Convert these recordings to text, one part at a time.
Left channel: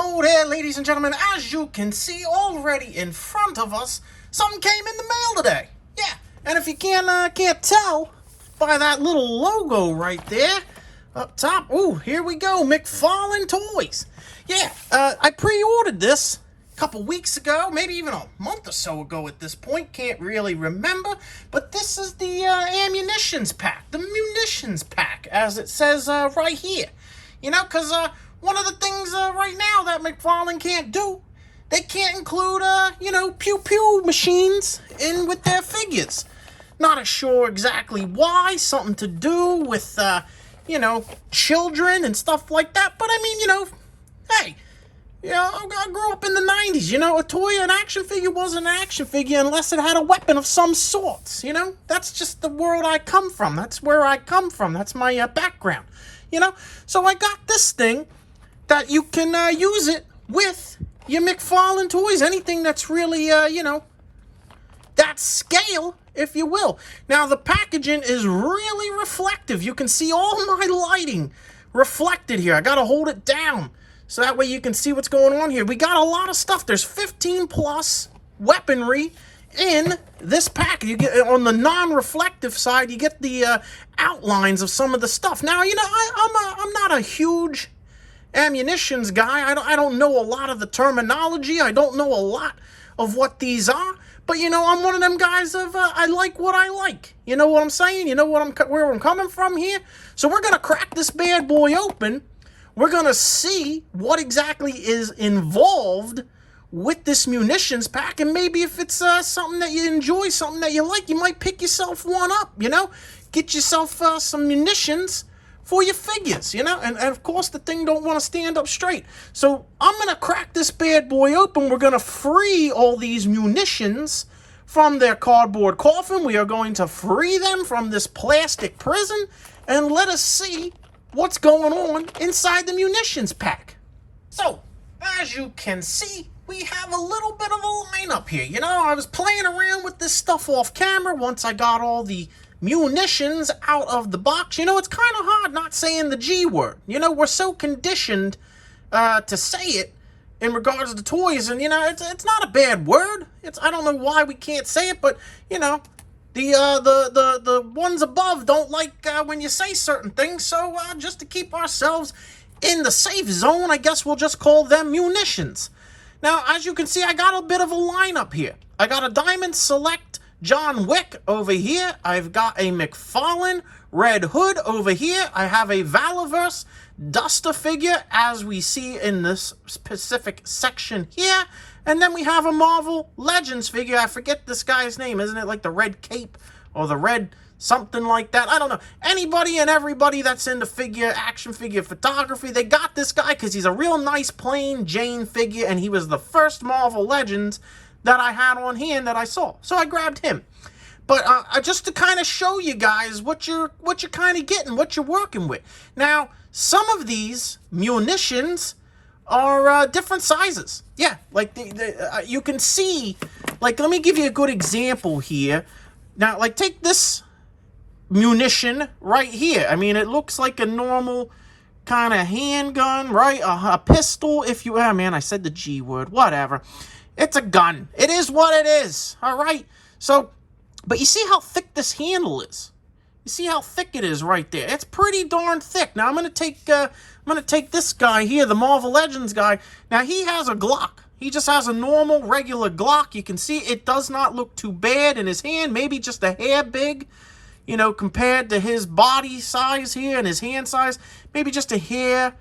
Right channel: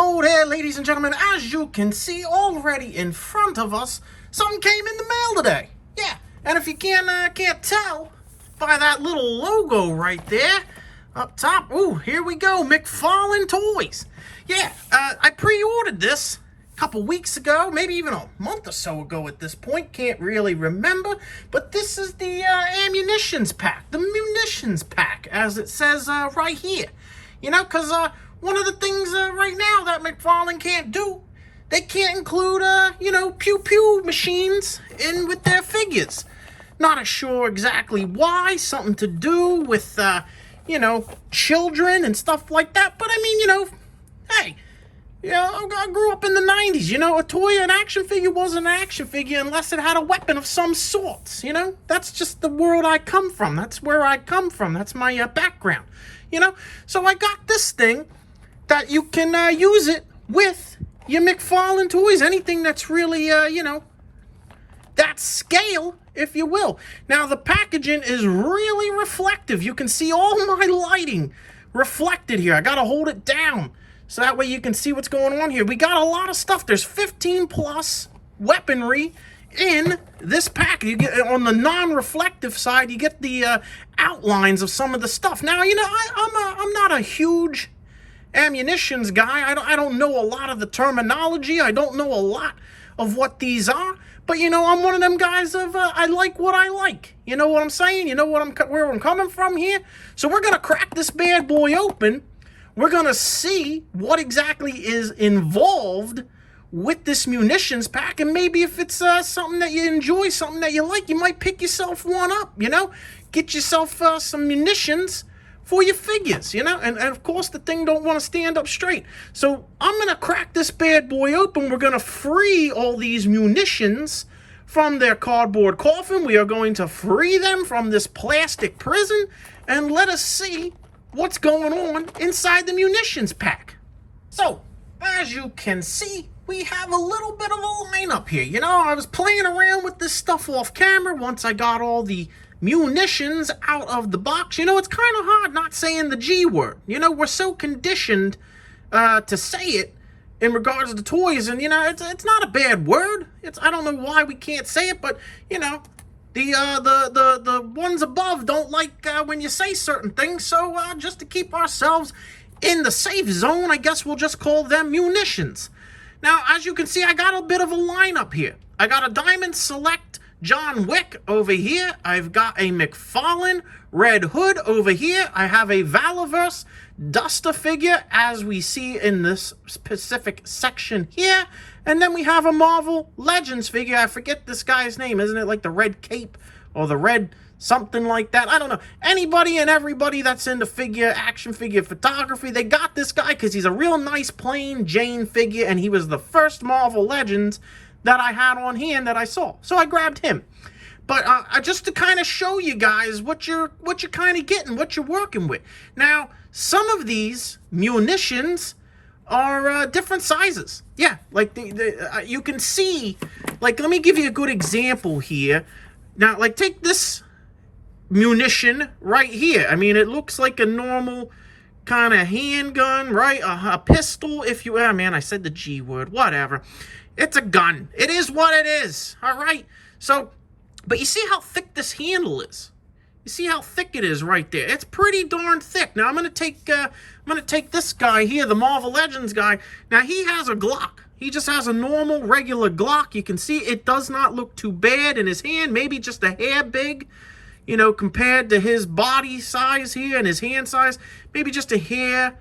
Hello there, ladies and gentlemen. As you can see already in front of us, something came in the mail today. Yeah, and if you can't tell by that little logo right there up top, ooh, here we go, McFarlane Toys. Yeah, I pre-ordered this a couple weeks ago, maybe even a month or so ago at this point. Can't really remember, but this is the Munitions pack, the Munitions pack, as it says right here. You know, because one of the things right now that McFarlane can't do, they can't include, pew-pew machines in with their figures. Not sure exactly why, something to do with, children and stuff like that. But I mean, hey, I grew up in the 90s, a toy, an action figure wasn't an action figure unless it had a weapon of some sort, That's just the world I come from. That's where I come from. That's my background, So I got this thing that you can use it with your McFarlane toys, anything that's really, that scale, if you will. Now, the packaging is really reflective. You can see all my lighting reflected here. I got to hold it down so that way you can see what's going on here. We got a lot of stuff. There's 15 plus weaponry in this pack. You get on the non-reflective side, you get the outlines of some of the stuff. Now, I'm not a huge ammunitions guy. I don't know a lot of the terminology. I don't know a lot of what these are. But I'm one of them guys of I like what I like. You know what I'm saying? You know where I'm coming from here. So we're gonna crack this bad boy open. We're gonna see what exactly is involved with this munitions pack, and maybe if it's something that you enjoy, something that you like, you might pick yourself one up. Get yourself some munitions for your figures, and of course the thing don't want to stand up straight. So I'm gonna crack this bad boy open. We're gonna free all these munitions from their cardboard coffin. We are going to free them from this plastic prison, and let us see what's going on inside the munitions pack. So as you can see, we have a little bit of a lineup here. I was playing around with this stuff off camera once I got all the munitions out of the box. It's kind of hard not saying the G word. We're so conditioned to say it in regards to toys, and it's not a bad word. I don't know why we can't say it, but the ones above don't like when you say certain things. So just to keep ourselves in the safe zone, I guess we'll just call them munitions. Now, as you can see, I got a bit of a lineup here. I got a Diamond Select John Wick over here. I've got a McFarlane Red Hood over here. I have a Valaverse Duster figure, as we see in this specific section here. And then we have a Marvel Legends figure. I forget this guy's name. Isn't it like the Red Cape or the Red something like that? I don't know. Anybody and everybody that's into action figure photography, they got this guy because he's a real nice plain Jane figure, and he was the first Marvel Legends that I had on hand that I saw. So I grabbed him. But just to kind of show you guys what you're kind of getting, what you're working with. Now, some of these munitions are different sizes. Yeah, like you can see, like, let me give you a good example here. Now, like, take this munition right here. I mean, it looks like a normal kind of handgun, right? A pistol, if you... man, I said the G word. Whatever. It's a gun. It is what it is. All right? So, but you see how thick this handle is? You see how thick it is right there? It's pretty darn thick. Now, I'm going to take this guy here, the Marvel Legends guy. Now, he has a Glock. He just has a normal, regular Glock. You can see it does not look too bad in his hand. Maybe just a hair big, compared to his body size here and his hand size. Maybe just a hair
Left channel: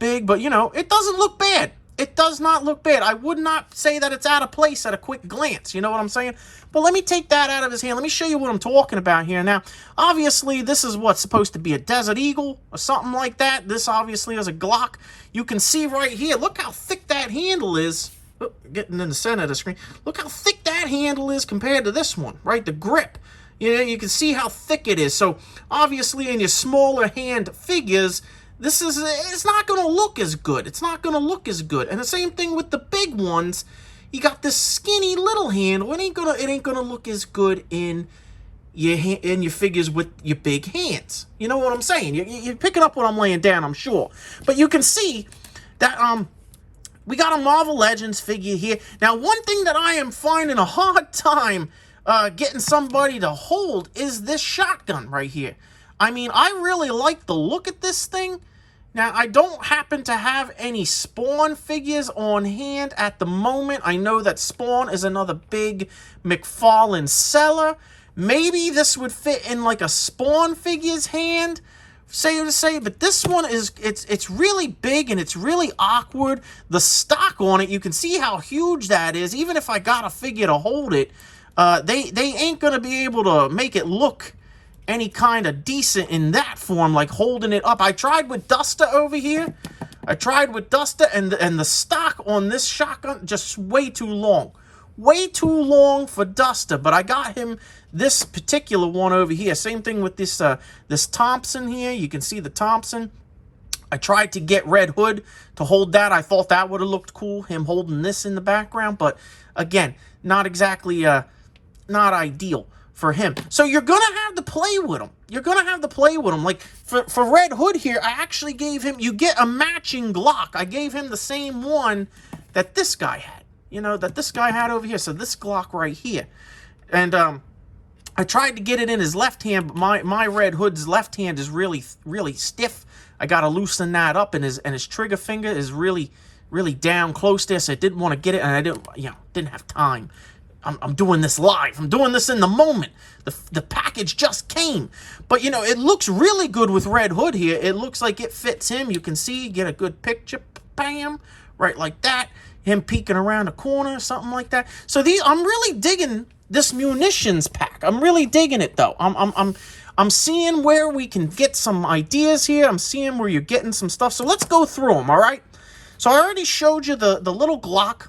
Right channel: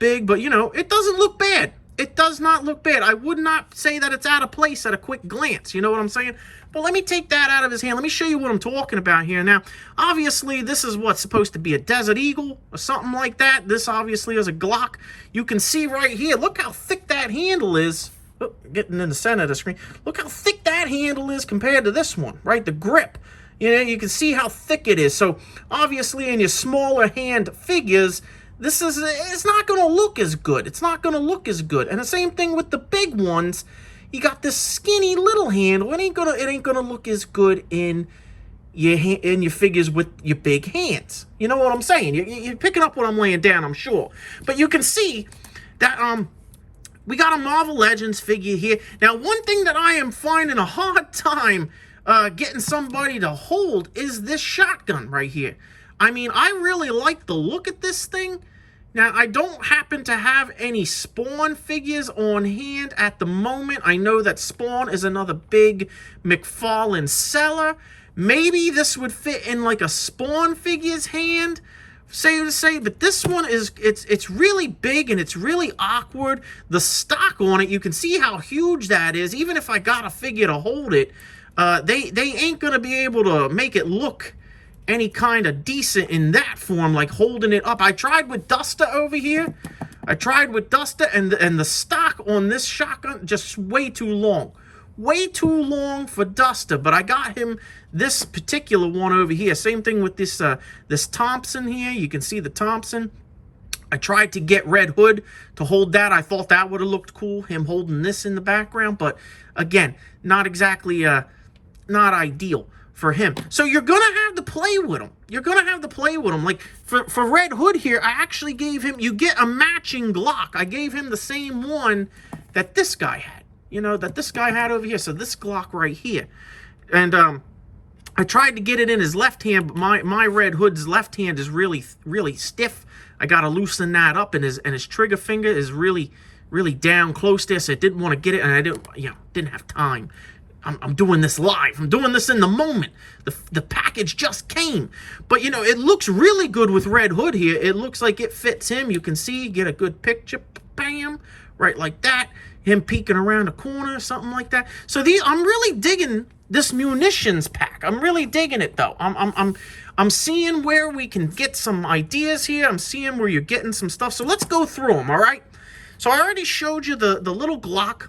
big, but, it doesn't look bad. It does not look bad. I would not say that it's out of place at a quick glance. You know what I'm saying? But let me take that out of his hand. Let me show you what I'm talking about here. Now, obviously, this is what's supposed to be a Desert Eagle or something like that. This obviously is a Glock. You can see right here. Look how thick that handle is. Oh, getting in the center of the screen. Look how thick that handle is compared to this one, right? The grip. You can see how thick it is. So, obviously, in your smaller hand figures, it's not going to look as good. It's not going to look as good. And the same thing with the big ones. You got this skinny little handle. It ain't gonna look as good in your figures with your big hands. You know what I'm saying? You're picking up what I'm laying down, I'm sure. But you can see that we got a Marvel Legends figure here. Now, one thing that I am finding a hard time getting somebody to hold is this shotgun right here. I mean, I really like the look at this thing. Now, I don't happen to have any Spawn figures on hand at the moment. I know that Spawn is another big McFarlane seller. Maybe this would fit in like a Spawn figure's hand, say to say, but this one is, it's really big and it's really awkward. The stock on it, you can see how huge that is. Even if I got a figure to hold it, they ain't gonna be able to make it look any kind of decent in that form, like holding it up. I tried with Duster over here. I tried with Duster, and the stock on this shotgun, just way too long. Way too long for Duster, but I got him this particular one over here. Same thing with this this Thompson here. You can see the Thompson. I tried to get Red Hood to hold that. I thought that would have looked cool, him holding this in the background, but again, not exactly not ideal for him. So you're going to have to play with him. You're going to have to play with him. Like, for Red Hood here, I actually gave him, you get a matching Glock. I gave him the same one that this guy had. You know, that this guy had over here. So this Glock right here. And I tried to get it in his left hand, but my Red Hood's left hand is really, really stiff. I got to loosen that up, and his trigger finger is really, really down close there, so I didn't want to get it, and I didn't have time. I'm doing this live. I'm doing this in the moment. The package just came. But, you know, it looks really good with Red Hood here. It looks like it fits him. You can see, get a good picture. Bam. Right like that. Him peeking around the corner, something like that. So I'm really digging this munitions pack. I'm really digging it, though. I'm seeing where we can get some ideas here. I'm seeing where you're getting some stuff. So let's go through them, all right? So I already showed you the little Glock.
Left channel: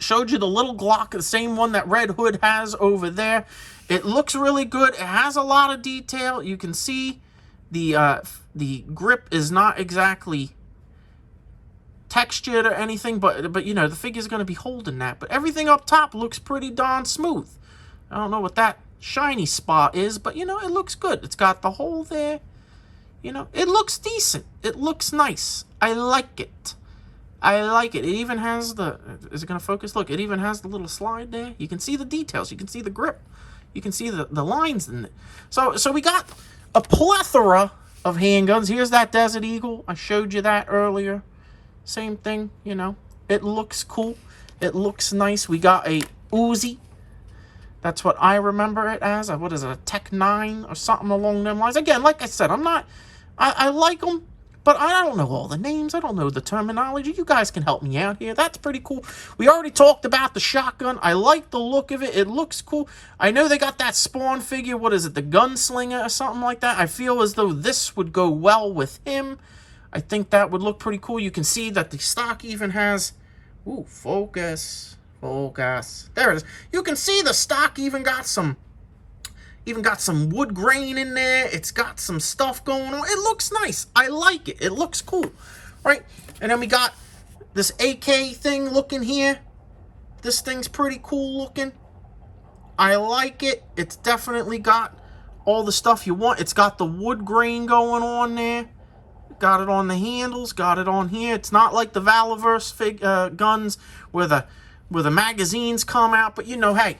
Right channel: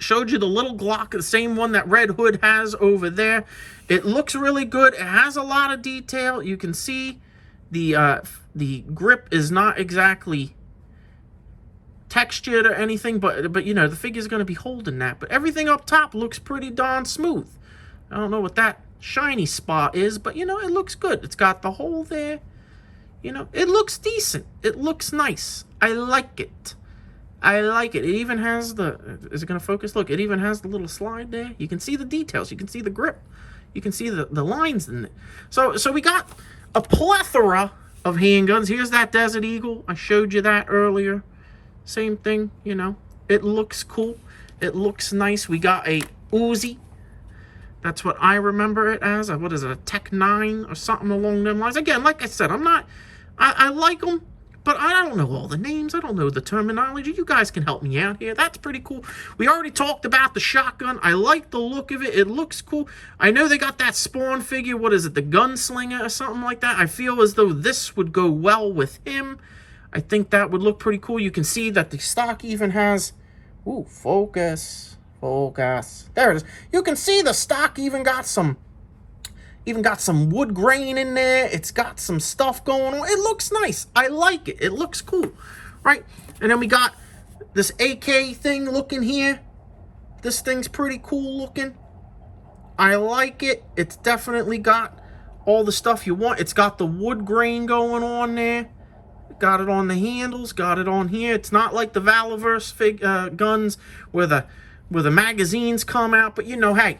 Showed you the little Glock, the same one that Red Hood has over there. It looks really good. It has a lot of detail. You can see the grip is not exactly textured or anything, but you know, the figure's going to be holding that. But everything up top looks pretty darn smooth. I don't know what that shiny spot is, but you know, it looks good. It's got the hole there. You know, it looks decent. It looks nice. I like it. I like it. It even has is it going to focus? Look, it even has the little slide there. You can see the details. You can see the grip. You can see the lines in it. So we got a plethora of handguns. Here's that Desert Eagle. I showed you that earlier. Same thing, you know. It looks cool. It looks nice. We got a Uzi. That's what I remember it as. What is it, a Tech 9 or something along them lines? Again, like I said, I like them, but I don't know all the names. I don't know the terminology. You guys can help me out here. That's pretty cool. We already talked about the shotgun. I like the look of it. It looks cool. I know they got that Spawn figure. What is it, the Gunslinger or something like that? I feel as though this would go well with him. I think that would look pretty cool. You can see that the stock even has... Ooh, focus. Focus. There it is. You can see the stock even got some wood grain in there. It's got some stuff going on. It looks nice. I like it. It looks cool. Right? And then we got this AK thing looking here. This thing's pretty cool looking. I like it. It's definitely got all the stuff you want. It's got the wood grain going on there. Got it on the handles, got it on here. It's not like the Valiverse guns where the magazines come out, but you know, hey,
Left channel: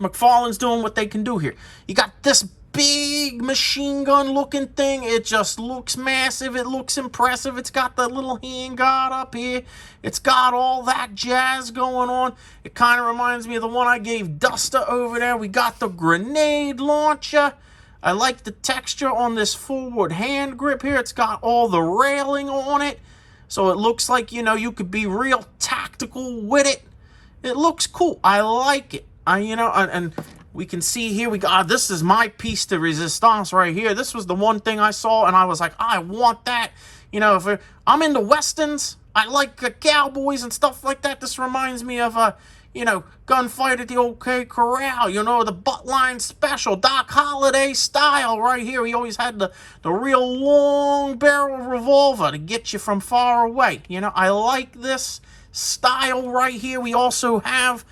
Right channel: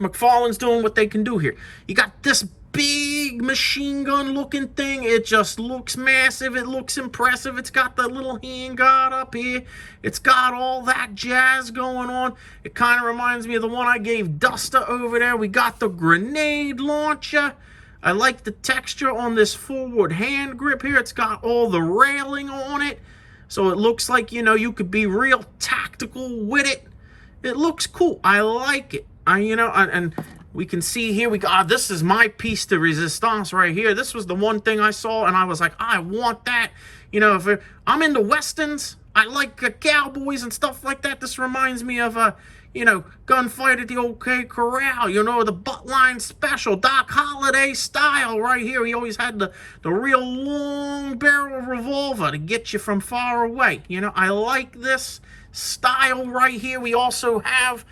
McFarlane's doing what they can do here. You got this big machine gun looking thing. It just looks massive. It looks impressive. It's got the little handguard up here. It's got all that jazz going on. It kind of reminds me of the one I gave Duster over there. We got the grenade launcher. I like the texture on this forward hand grip here. It's got all the railing on it. So it looks like, you know, you could be real tactical with it. It looks cool. I like it. And we can see here, this is my piece de resistance right here. This was the one thing I saw, and I was like, I want that. You know, if I'm into Westerns, I like cowboys and stuff like that. This reminds me of, you know, gunfight at the OK Corral, you know, the buttline special, Doc Holliday style right here. He always had the real long barrel revolver to get you from far away. You know, I like this style right here. We also have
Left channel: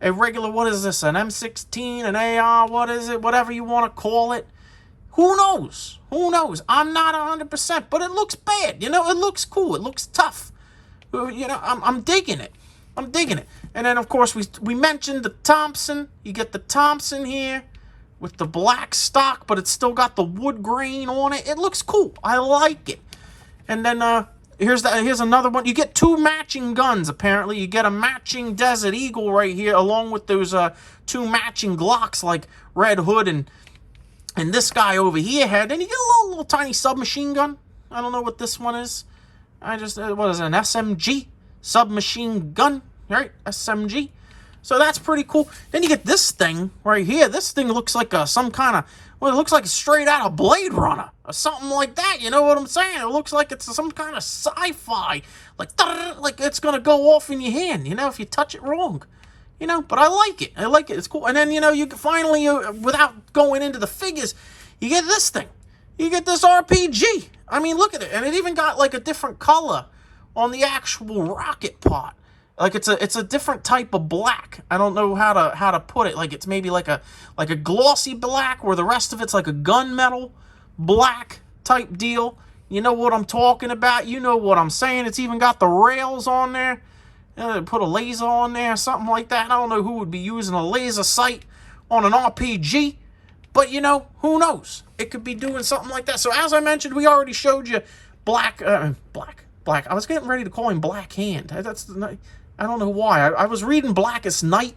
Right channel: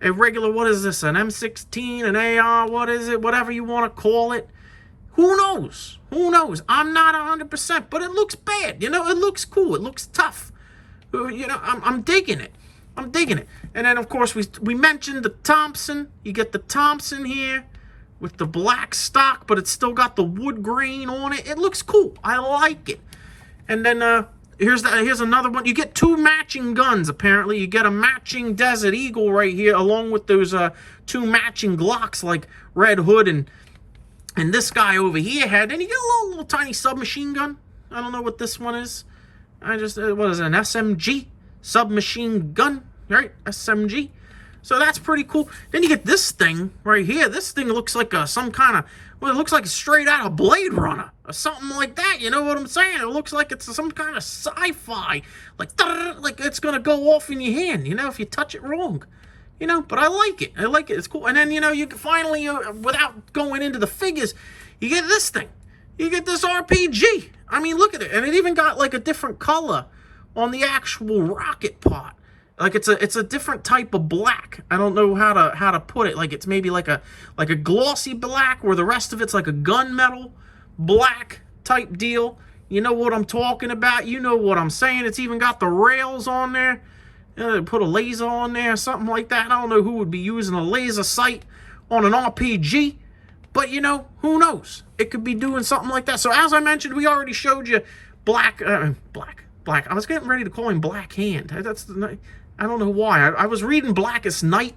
a regular, what is this, an M16, an AR, what is it, whatever you want to call it. Who knows? Who knows? I'm not 100%, but it looks bad. You know, it looks cool. It looks tough. You know, I'm digging it. I'm digging it. And then, of course, we mentioned the Thompson. You get the Thompson here with the black stock, but it's still got the wood grain on it. It looks cool. I like it. And then here's another one. You get 2 matching guns, apparently. You get a matching Desert Eagle right here, along with those 2 matching Glocks like Red Hood and this guy over here had. Then you get a little tiny submachine gun. I don't know what this one is. What is it, an SMG? Submachine gun, right? SMG. So that's pretty cool. Then you get this thing right here. This thing looks like some kind of, well, it looks like straight out of Blade Runner or something like that. You know what I'm saying? It looks like it's some kind of sci-fi, like it's gonna go off in your hand. You know, if you touch it wrong. You know, but I like it. I like it. It's cool. And then, you know, you finally, without going into the figures, you get this thing. You get this RPG. I mean, look at it. And it even got like a different color on the actual rocket pot. Like it's a different type of black. I don't know how to put it. Like it's maybe like a glossy black, where the rest of it's like a gunmetal black type deal. You know what I'm talking about. You know what I'm saying. It's even got the rails on there. Put a laser on there, something like that. I don't know who would be using a laser sight on an RPG, but you know, who knows? It could be doing something like that. So as I mentioned, we already showed you Black. I was getting ready to call him Black Hand. I don't know why. I was reading Blackest Night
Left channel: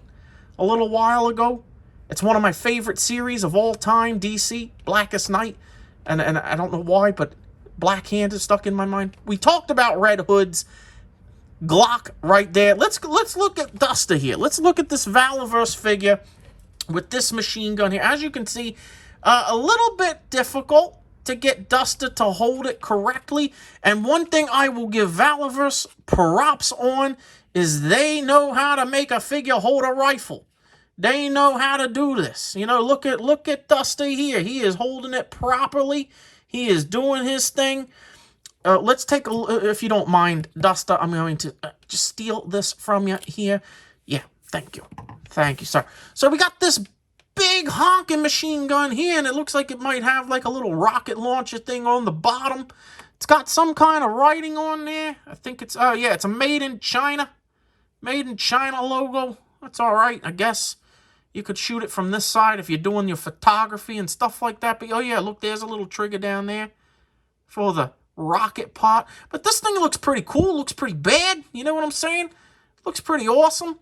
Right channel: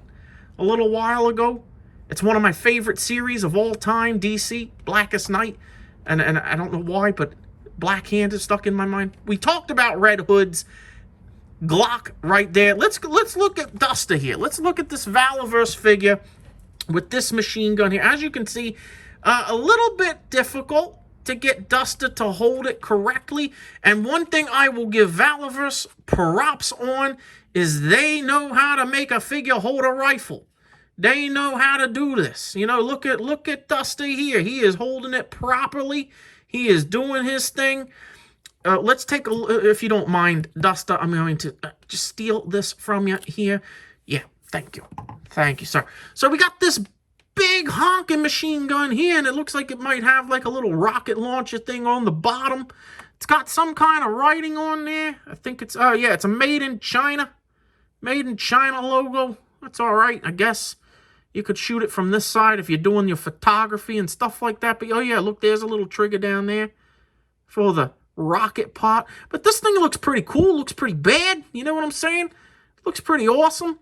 a little while ago. It's one of my favorite series of all time, DC, Blackest Night. And I don't know why, but Black Hand is stuck in my mind. We talked about Red Hood's Glock right there. Let's look at Duster here. Let's look at this Valiverse figure with this machine gun here. As you can see, a little bit difficult to get Duster to hold it correctly. And one thing I will give Valiverse props on is they know how to make a figure hold a rifle. They know how to do this. You know, look at Duster here. He is holding it properly. He is doing his thing. Let's take a, if you don't mind, Duster, I'm going to just steal this from you here. Yeah, thank you. Thank you, sir. So we got this big honking machine gun here, and it looks like it might have like a little rocket launcher thing on the bottom. It's got some kind of writing on there. I think it's, yeah, it's a Made in China. Made in China logo. That's all right, I guess. You could shoot it from this side if you're doing your photography and stuff like that. But, oh, yeah, look, there's a little trigger down there for the rocket pot. But this thing looks pretty cool. Looks pretty bad. You know what I'm saying? Looks pretty awesome.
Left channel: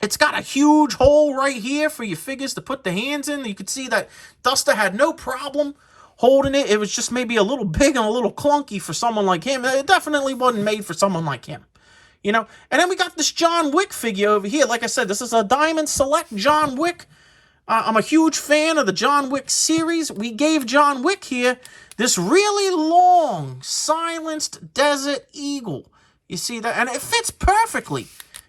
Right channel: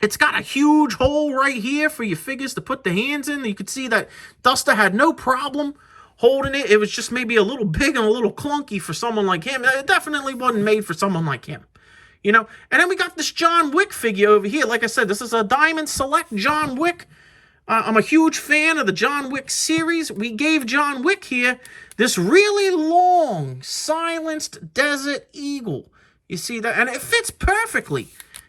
It's got a huge hole right here for your figures to put the hands in. You could see that Duster had no problem holding it. It was just maybe a little big and a little clunky for someone like him. It definitely wasn't made for someone like him. You know, and then we got this John Wick figure over here. Like I said, this is a Diamond Select John Wick. I'm a huge fan of the John Wick series. We gave John Wick here this really long, silenced Desert Eagle. You see that? And it fits perfectly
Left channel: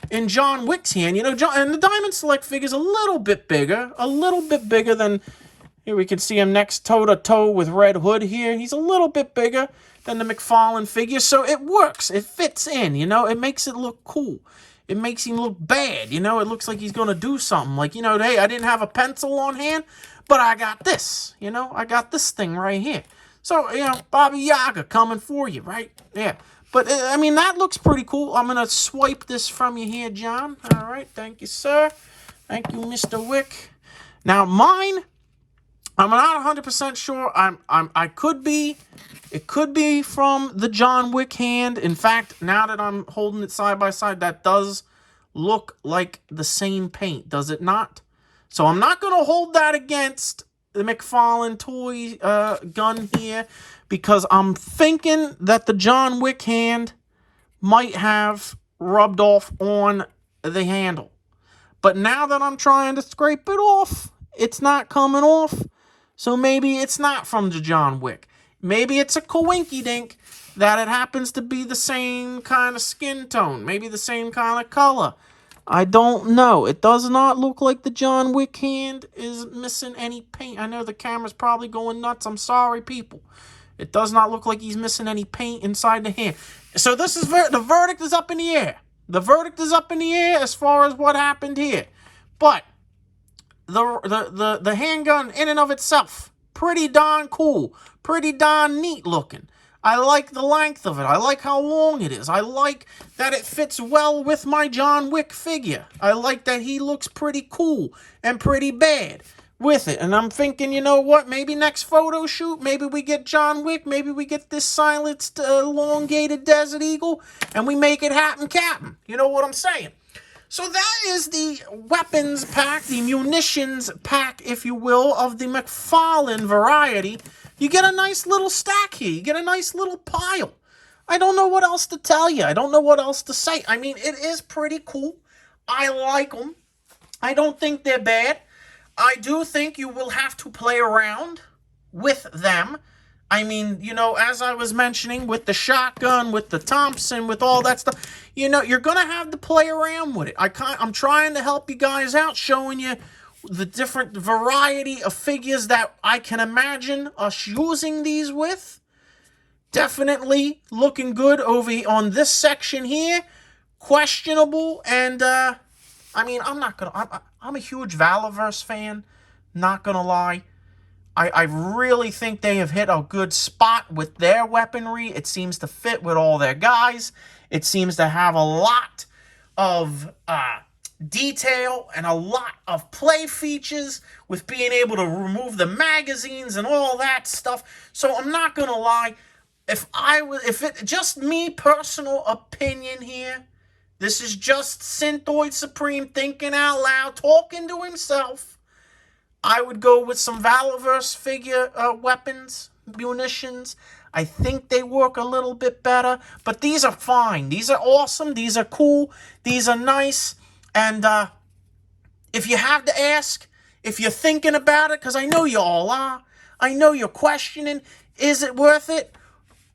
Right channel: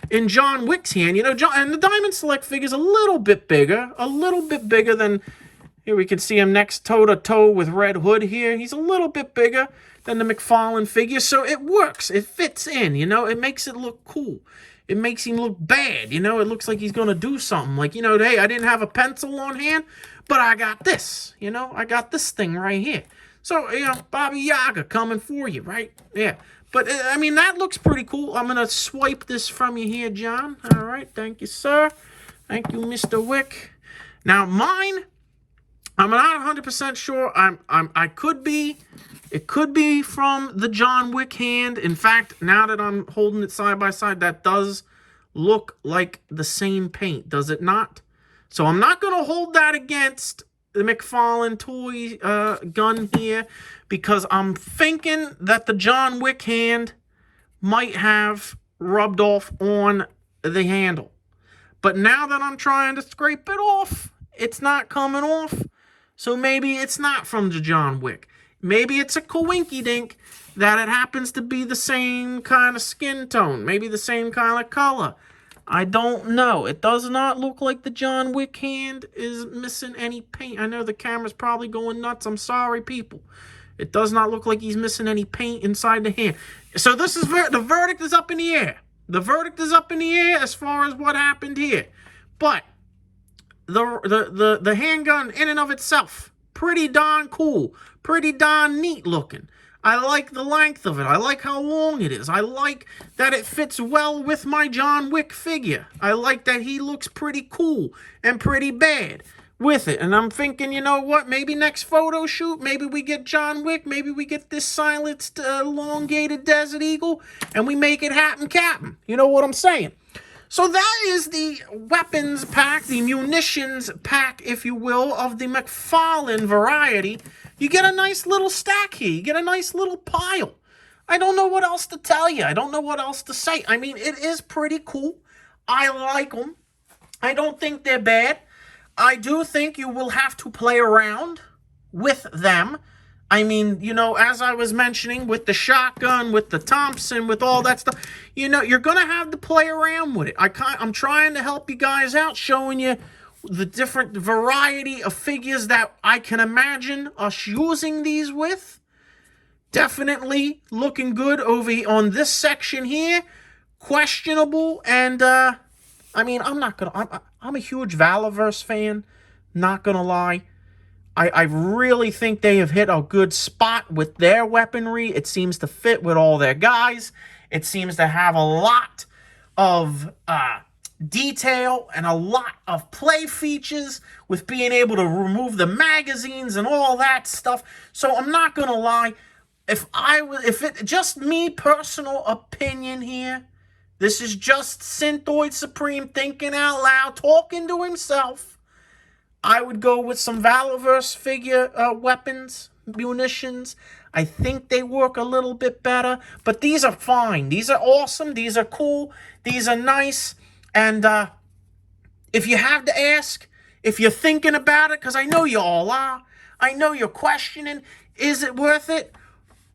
in John Wick's hand. You know, and the Diamond Select figure is a little bit bigger than, here we can see him next toe-to-toe with Red Hood here. He's a little bit bigger than the McFarlane figure, so it works. It fits in, you know. It makes it look cool. It makes him look bad, you know. It looks like he's going to do something. Like, you know, hey, I didn't have a pencil on hand, but I got this, you know. I got this thing right here. So, you know, Baba Yaga coming for you, right? Yeah. But, I mean, that looks pretty cool. I'm going to swipe this from you here, John. All right. Thank you, sir. Thank you, Mr. Wick. Now, mine, I'm not 100% sure. It could be from the John Wick hand. In fact, now that I'm holding it side by side, that does look like the same paint, does it not? So I'm not going to hold that against the McFarlane toy gun here, because I'm thinking that the John Wick hand might have rubbed off on the handle. But now that I'm trying to scrape it off, it's not coming off. So maybe it's not from the John Wick. Maybe it's a coinky-dink that it happens to be the same kind of skin tone. Maybe the same kind of color. I don't know. It does not look like the John Wick hand is missing any paint. I know the camera's probably going nuts. I'm sorry, people. It does not look like he's missing any paint inside the hand. So this is the verdict is up in the air. The verdict is up in the air as far as what happened here. But the handgun in and of itself, pretty darn cool. Pretty darn neat looking. I like the length of it. I like how long it is. I like that it fits well with my John Wick figure. I like that he looks pretty cool and pretty bad with it. And I'm thinking, you know what? Maybe next photo shoot, maybe we get John Wick. Maybe we get this silenced, elongated Desert Eagle, and we make it happen, Captain. You know what I'm saying? So that is the weapons pack, the munitions pack, if you will, of the McFarlane variety. You get a nice little stack here. You get a nice little pile. I don't know what else to tell you. I don't know what else to say. I mean, it is pretty cool. I like them. I don't think they're bad. I do think you will have to play around with them. I mean, you know, as I was mentioning, with the shotgun, with the Thompson, with all that stuff, you know, you're going to have to play around with it. I'm trying to help you guys out, showing you the different variety of figures that I can imagine us using these with. Definitely looking good over on this section here. Questionable, and, I mean, I'm a huge Valorverse fan, not going to lie. I really think they have hit a good spot with their weaponry. It seems to fit with all their guys. It seems to have a lot of detail and a lot of play features with being able to remove the magazines and all that stuff. So I'm not going to lie. Just me, personal opinion here, this is just Synthoid Supreme thinking out loud, talking to himself. I would go with some Valorverse figure weapons, munitions. I think they work a little bit better, but these are fine. These are awesome. These are cool. These are nice. And if you have to ask, if you're thinking about it, because I know you all are, I know you're questioning, is it worth it?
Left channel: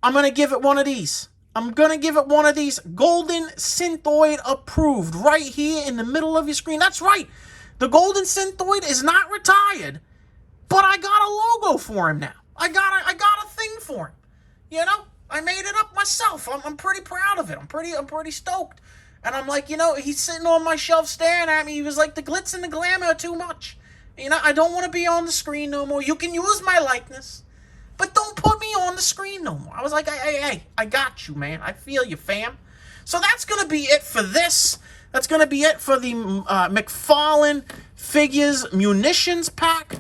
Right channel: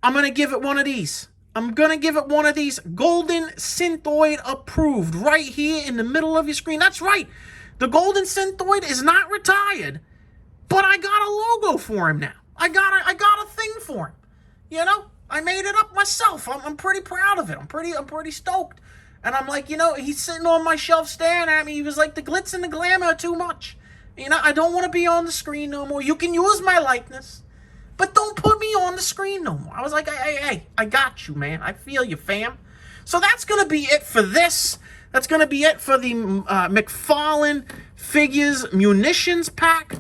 I'm going to give it one of these. I'm going to give it one of these. Golden Synthoid approved right here in the middle of your screen. That's right. The Golden Synthoid is not retired, but I got a logo for him now. I got a thing for him. You know, I made it up myself. I'm pretty proud of it. I'm pretty stoked. And I'm like, you know, he's sitting on my shelf staring at me. He was like, the glitz and the glamour are too much. You know, I don't want to be on the screen no more. You can use my likeness, but don't put me on the screen no more. I was like, hey, I got you, man. I feel you, fam. So that's going to be it for this. That's going to be it for the McFarlane Figures Munitions Pack.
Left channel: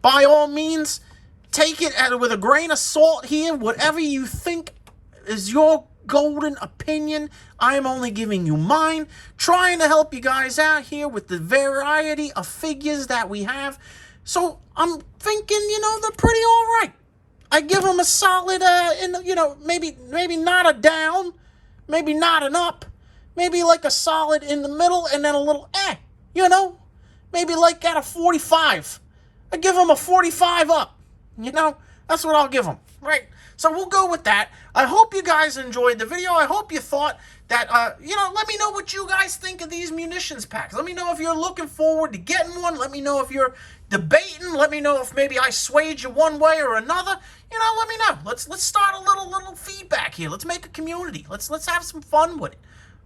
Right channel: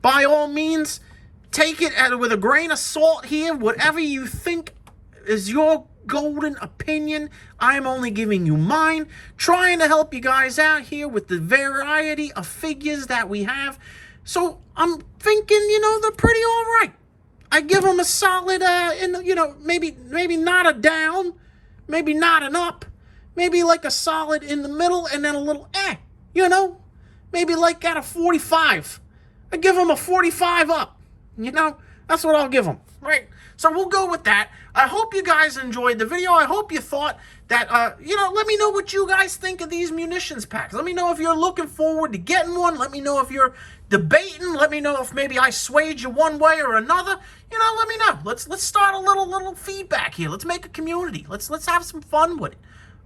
By all means, take it with a grain of salt here. Whatever you think is your golden opinion, I am only giving you mine. Trying to help you guys out here with the variety of figures that we have. So I'm thinking, you know, they're pretty all right. I give them a solid, you know, maybe not a down, maybe not an up. Maybe like a solid in the middle and then a little you know? Maybe like at a 45. I give them a 45 up. You know? That's what I'll give them. Right? So we'll go with that. I hope you guys enjoyed the video. I hope you thought that, you know, let me know what you guys think of these munitions packs. Let me know if you're looking forward to getting one. Let me know if you're debating. Let me know if maybe I swayed you one way or another. You know, let me know. Let's start a little feedback here. Let's make a community. Let's have some fun with it.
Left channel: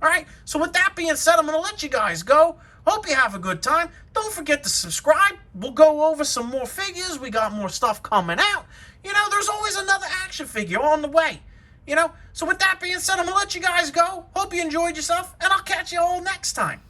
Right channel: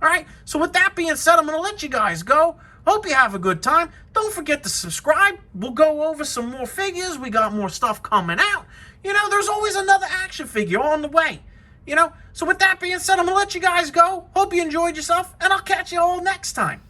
All right, so with that being said, I'm going to let you guys go. Hope you have a good time. Don't forget to subscribe. We'll go over some more figures. We got more stuff coming out. You know, there's always another action figure on the way. You know, so with that being said, I'm going to let you guys go. Hope you enjoyed yourself, and I'll catch you all next time.